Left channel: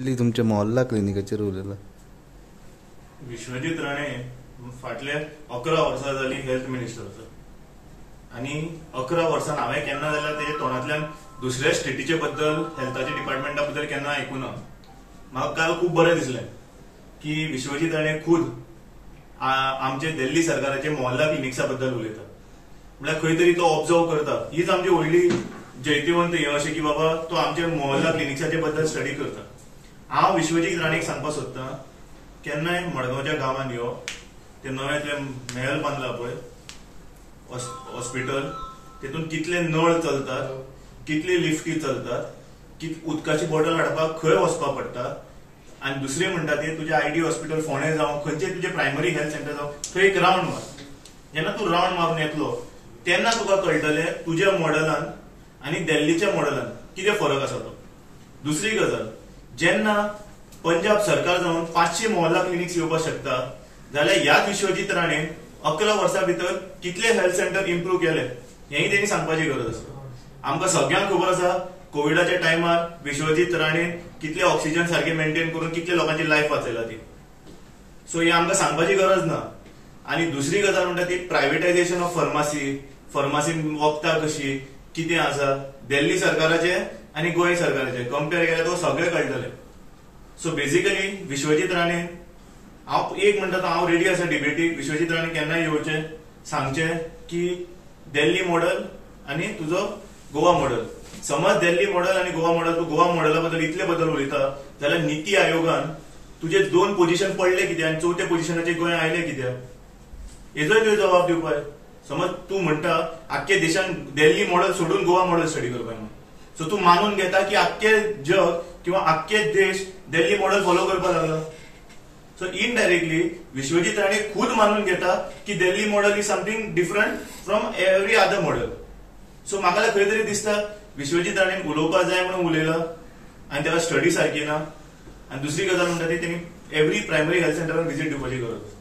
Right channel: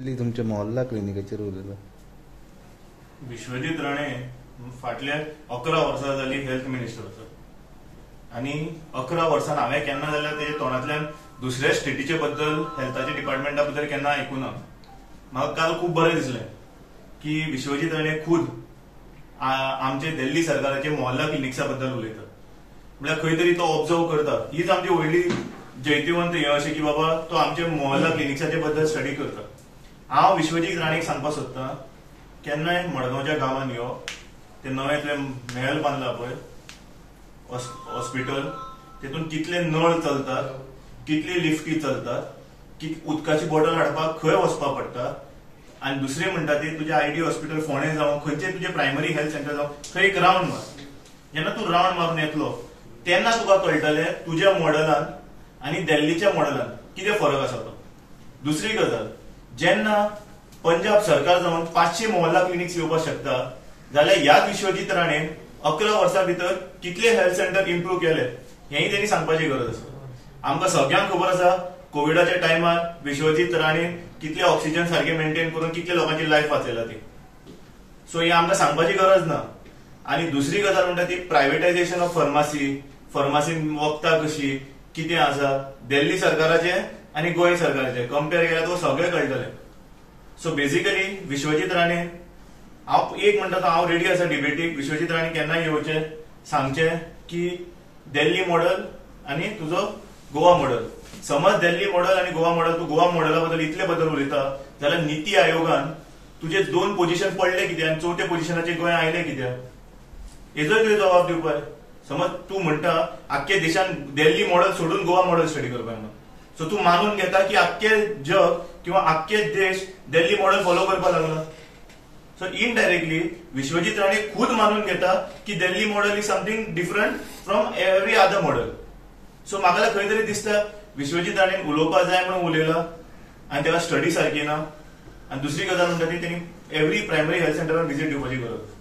तुमच्या मोहल्ला क्लिनिकाचेर उलयला. विश्वजीत राणे फाटल्या 11 वर्सां जाली हेल्थ मिनिस्टर आसा आणि 11 वर्सान हांवें केन्ना जाल्यार तेजे तोंडांतल्यान दुसऱ्या स्टेटीचे बद्दल हेल्थाच्या डिपार्टमेंटा बद्दल केन्ना आयकुना. म्हाका काल खूब बरें दिसलें की विश्वजीत राणे खुद आमचे दिल्ली सरकाराचे मोहल्ला क्लिनिक्सा बद्दल उलयता. म्हळ्यार खंय तरी तो ऑब्जर्व करता. हीच आमची व्हडली जैतिवंत हे अशें की बाबा तो आमचे मोहल्ला क्लिनिक्साचे बद्दल स्टडी करता. हांव विश्वजीत राणेक सांगपाक सोदतां केन्नाय मडगांवच्या गांवांत यो ते नव्यातले महल बांदला पळय हॉस्पिटल, तेतून कितले नळ चलतात, कितले लिफ्टी चलतात, उदकाची बॉटल हाडपाक खंय वचपाक पडटा. आनी दुसरे म्हणटा ते तुजे आयडी हॉस्पिटल फोंडे जावं खंयचे तुजे प्रायमरी हेल्थ सेंटर जावं थंय एक राउंड मार. जेन्ना तूं राउंड मारून येतलो तेन्ना तुका कळटलें तुज्या मॉडेलान आनी दिल्लीच्या मॉडेलान कितें फरक आसा तो. दुसरी गजाल, जेन्ना पंजाब सरकार जावन 500 मोहल्ला क्लिनिक्स येवपाक शकता जाल्यार ह्याच विश्वजीत राणेन 11 वर्सां भितर कितले हेल्थ सेंटर इम्प्रूव्ह केले हेंय तेणी सांगपाची गरज आसा. आमकां सगळ्यांक खबर आसा कोविडाच्या टायमार विश्वजीत राणेन कितले ऑक्सिजन सारखे मेंटेन करून कितले लोकांची लायफ वाचयला ती. सो ही आमकां सांगपाची गरज ना. आनी दुसरी गजाल म्हणटा ती प्रायव्हेटायझेशन ऑफ फार्मासीन वखदां कशी कितें आसा दिल्ली सरकाराचे आनी गोंय सरकाराचे कंपेर केल्यार तुका सगळें कळटलें. सो बेसिकली विश्वजीत राणे हांव एक म्हणटा तो हांव रेडी आसा डिबेटीक. विश्वजीत राणे केन्नाय येवचें सांगचें की दिल्ली मॉडेल आनी तुजो गोवा मॉडेल. समज दिल्ली मॉडेल आनी गोवा मॉडेल तूं गोवा मॉडेला बद्दल इतले बद्दल उलयता जाल्यार निती आयोगान तुजे 2 पोझिशन पडले कित्याक आनी 4थ्या पोझिशनाचेर गोंय आयले कित्याक हेजोय तुवें जबाब दिवपाक. समज तूं म्हणटा आख्खे देशान दिल्ली मॉडेल सोडून गोवा मॉडेल स्टडी करपाक म्हणून, सो तूं मानून घेता की आख्खे जग किंवा आख्खे देश दिल्ली मॉडेल फॉलो करपाक लागला. सो इनडायरेक्टली विश्वजीत राणे खुद मानून घेता की Delhi model is something different from every other model. So म्हाका खंय तरी दिसता विश्वजीत राणेन उलोवपाक जाय म्हणून उलयला आनी तेका स्टडी सारकी ना. आनी दुसरी गजाल म्हणटा ती तेणी एव्हरी प्रायमरी हेल्थ सेंटरान व्हिजीट दिवपाची गरज.